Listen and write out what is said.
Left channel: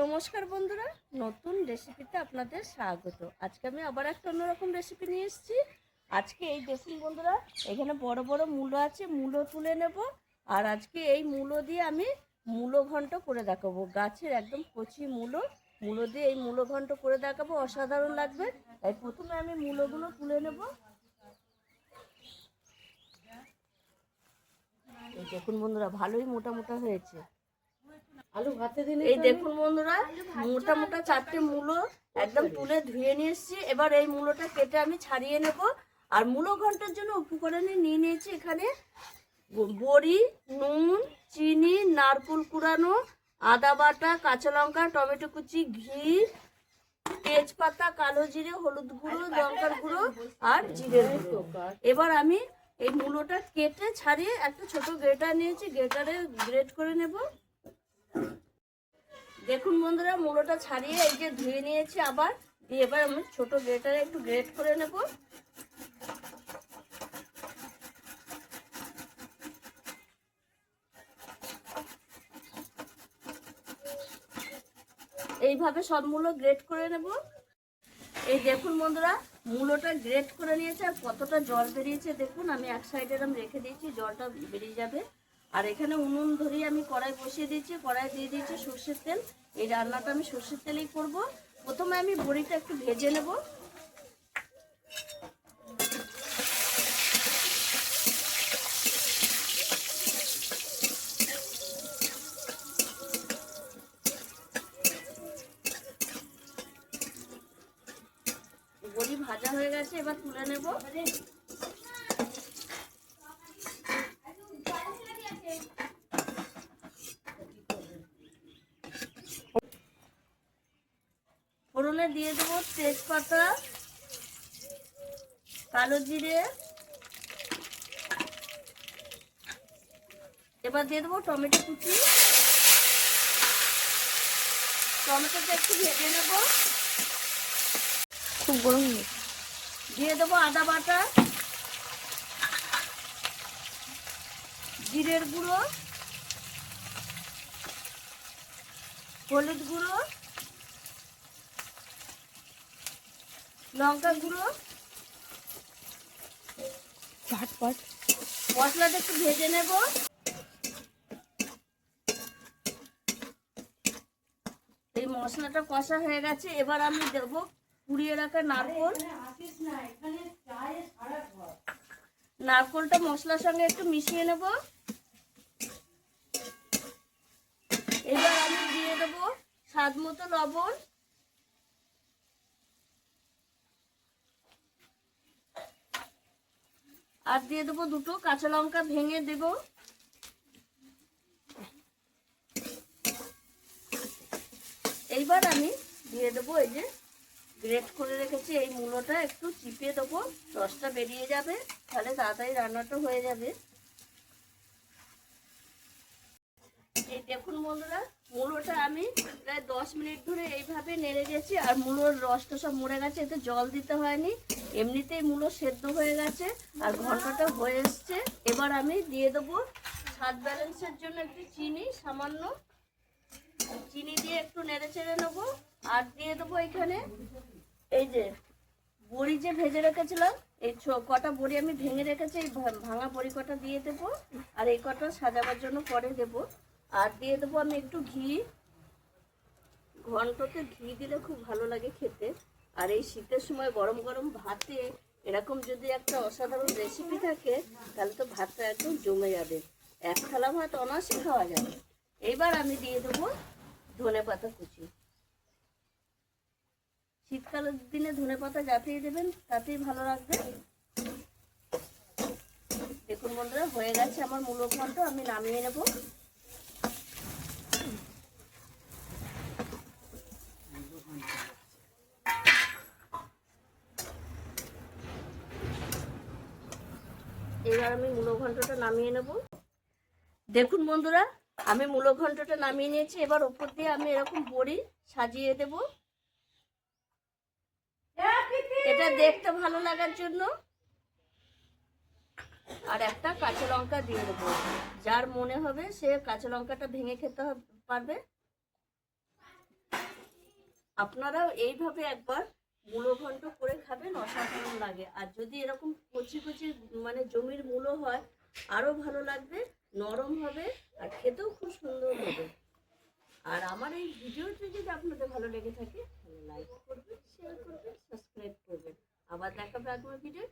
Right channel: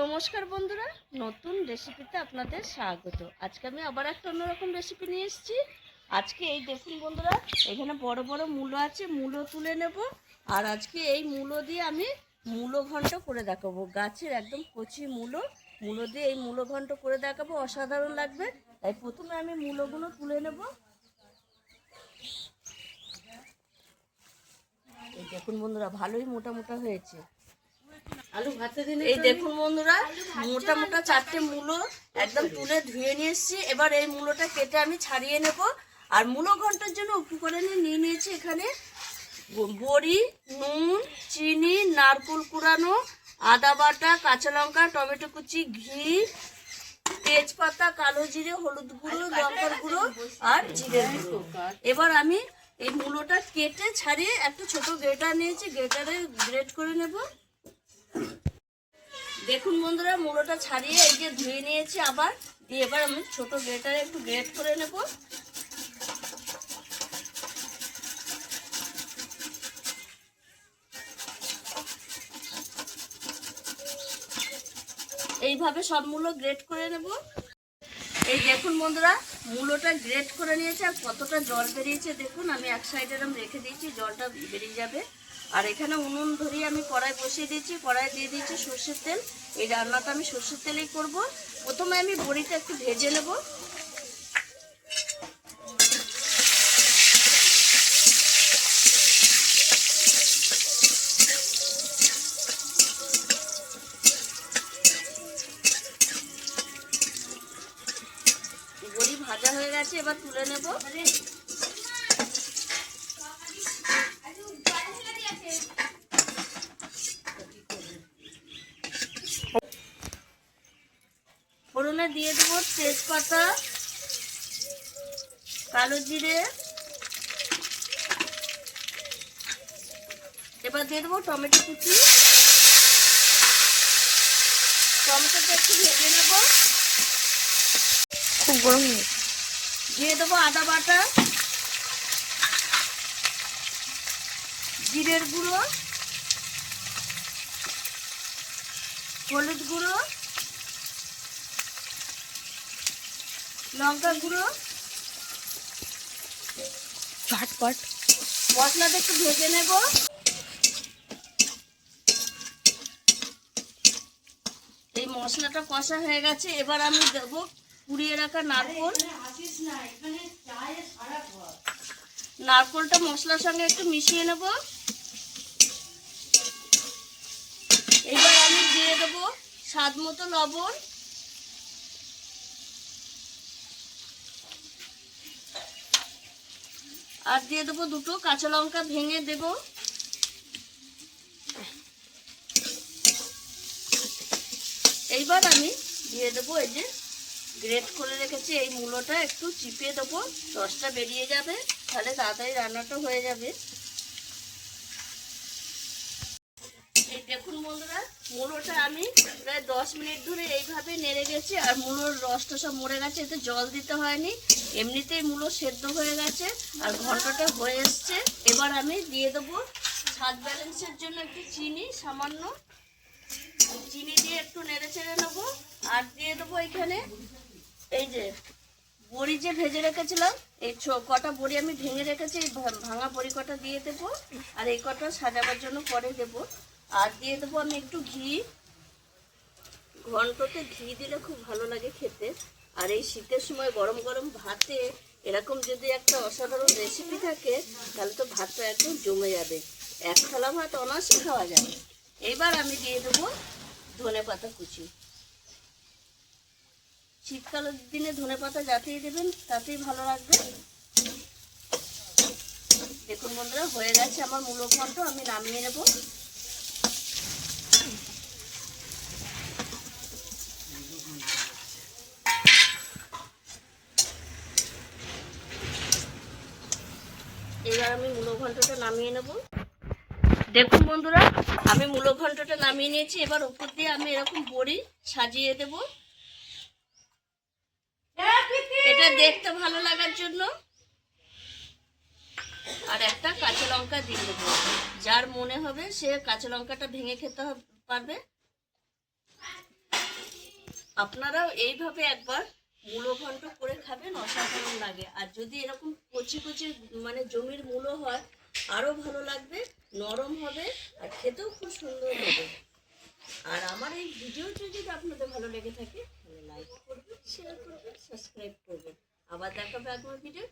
নমস্কার বন্ধুরা, নতুন রেসিপিতে আপনাদের স্বাগত। আজকে আমি আবার একটা অন্যরকম রেসিপি নিয়ে এসেছি। আজকে এই দেখুন বন্ধুরা, এখানে বড় বড় মূলো আছে, মূলো তুলে নেব। আর আজকে এই মূলো দিয়ে আমি মূলো ঘন্ট করে দেখাবো। গাছের একদম কচি মূলো দিয়ে এই মূলো ঘন্ট করে দেখাবো, অসাধারণ লাগবে। তাই প্রথমে আমি মূলোগুলো তুলে নেব। এই দেখুন বন্ধুরা, ভালোই মোটা মোটা হয়েছে। এই দেখুন বন্ধুরা, মোটা মোটা চারটে মূলো একদম তুলে ধুয়ে নিয়ে এসেছি। এবার এই মূলোটা কেটে আমি ছাড়িয়ে নেব। আর মূলো ঘন্টার জন্য উপকরণে নিয়ে নিয়েছি এখানে বড়ি, নুন, চিনি, নারকেল কুড়ানো, আদা বাটা, কাঁচা লঙ্কা, টমেটো কুচি, ঘি, তেজপাতা, কালো জিরে, হলুদ গুঁড়ো, লঙ্কার গুঁড়ো আর জিরের গুঁড়ো। এবার আমি এই মূলোটা কেটে ছাড়িয়ে একটা ছোট গ্রেটার নিয়েছি, গ্রেটারে গ্রেট করে নেব। দেখুন বন্ধুরা, মূলোটা ছাড়িয়ে এই যে ধুয়ে নিয়েছি আবার দিয়ে এবার আমি ছোট গ্রেটারে একটু গ্রেট করে নেব। এইভাবে সব মূলো গ্রেট করে নেব। এই দেখুন বন্ধুরা, মূলোটা গ্রেট করে নিয়েছে আর কতটা জল বেরিয়েছে দেখুন। আমি এক সাইডে এরকম রেখে দিয়েছি, জলটা বেরিয়ে যাবে। আর এখানে উনুন ধরিয়ে আমি কড়াই বসিয়ে দিয়েছি, কড়াই দিয়ে দিয়েছি সর্ষের তেল। এই রান্নাটা আমি সর্ষের তেলেই করব। প্রথমে আমি বড়িটা একটু ভেজে নেব। বড়ি ভাজা হয়ে গেছে, এবার তুলে নেব। ফোড়নে দিয়ে দেবো তেজপাতা, কালো জিরে, এবার দিয়ে দেবো টমেটো কুচি। টমেটোটা একটু ভেজে নেব। খুব গরম দিয়ে দেবো আদা বাটা, জিরের গুঁড়ো, হলুদ গুঁড়ো, লঙ্কা গুঁড়ো। ঝটপট মশলাটা একটু ভেজে নেব। এই মশলাটা কষা হয়ে গেছে, এবার আমি দেবো কুড়িয়ে রাখা নারকেল। নারকেলটা মশলার সঙ্গে একটু মিশিয়ে নেব। এবার আমি দিয়ে দেবো স্বাদ মতো লবণ, আর দিয়ে দেবো দুটো কাঁচা লঙ্কা ভেঙে দেব। এইবার আমি দিয়ে দেবো এই যে গ্রেট করে রেখেছি এই মূলোটা, একটু চিপে দেবো, রসটা বেরিয়ে যাবে, তাহলে তাড়াতাড়ি রান্নাটা হয়ে যাবে। এই দেখুন বন্ধুরা, মূলোটা আমি প্রায় 10 মিনিট ধরে এইভাবে নেড়ে গেছি। আর মূলোর রসটা সব মরে গেছে, এতে জল দিতে হয়নি, এমনিতেই মূলো সেদ্ধ হয়ে গেছে আর ঘন্টটা হয়ে এসছে। এবার আমি দিয়ে দেবো স্বাদ ব্যালেন্সের জন্য একটু চিনি, সামান্য চিনি দিয়ে একটু নেড়ে চেড়ে নেবো। আর দিয়ে দেবো এখানে এই যে বড়ি যে ভেজে রেখেছিলাম, এই কটা বড়ি আমি ভেঙে রেখেছি, এই ভাঙা বড়ি কটা দিয়ে দেবো। আর এই কটা সাজাবার জন্য পরে দেবো। আর দিয়ে দেবো আমি একটু ঘি। ঘন্টতে ঘি দিলে খুব ভালো লাগে খেতে। আর এই শীতের সময় গরম গরম ভাতে এরকম যদি একটা অসাধারণ রেসিপি থাকে, তাহলে তো ভাতটা একদম জমে যাবে, এক থালা ভাত অনায়াসে খাওয়া যাবে। এইবার আমি দিয়ে দেবো ধনেপাতা কুচি। শীতকালের দিনে ধনেপাতা যাতেই দেবেন তাতেই ভালো লাগবে। দেখুন বন্ধুরা, হয়ে গেছে আমার মূলো ঘন্ট, আমি নামিয়ে নেব। এবার আমি মূলো ঘন্টটা নামিয়ে নেব। দেখুন বন্ধুরা, আমি মূলো ঘন্টটা নামিয়ে নিয়েছি। এবার উপর দিয়ে আমি এরকম বড়ি সাজিয়ে দেব, এটা দেখতে ভালো লাগার জন্য। আর একটা কাঁচা লঙ্কা দিয়ে দেবো, যার মনে হবে সে কাঁচা লঙ্কাটা ভেঙে খেতে পারবে। আপনারাও এইভাবে একবার মূলো ঘন্ট করে খাবেন, অসাধারণ লাগে। আর যদি এরকম কচি কচি মানে জমির মূলো হয় আরও ভালো লাগবে, নরম হবে আর খেতেও খুব সুন্দর হবে। আর আমার এই ভিডিওটি যদি আপনাদের ভালো লেগে থাকে তাহলে লাইক করবেন, শেয়ার করবেন, সাবস্ক্রাইব করবেন। আবার দেখাবে আগামী ভিডিও।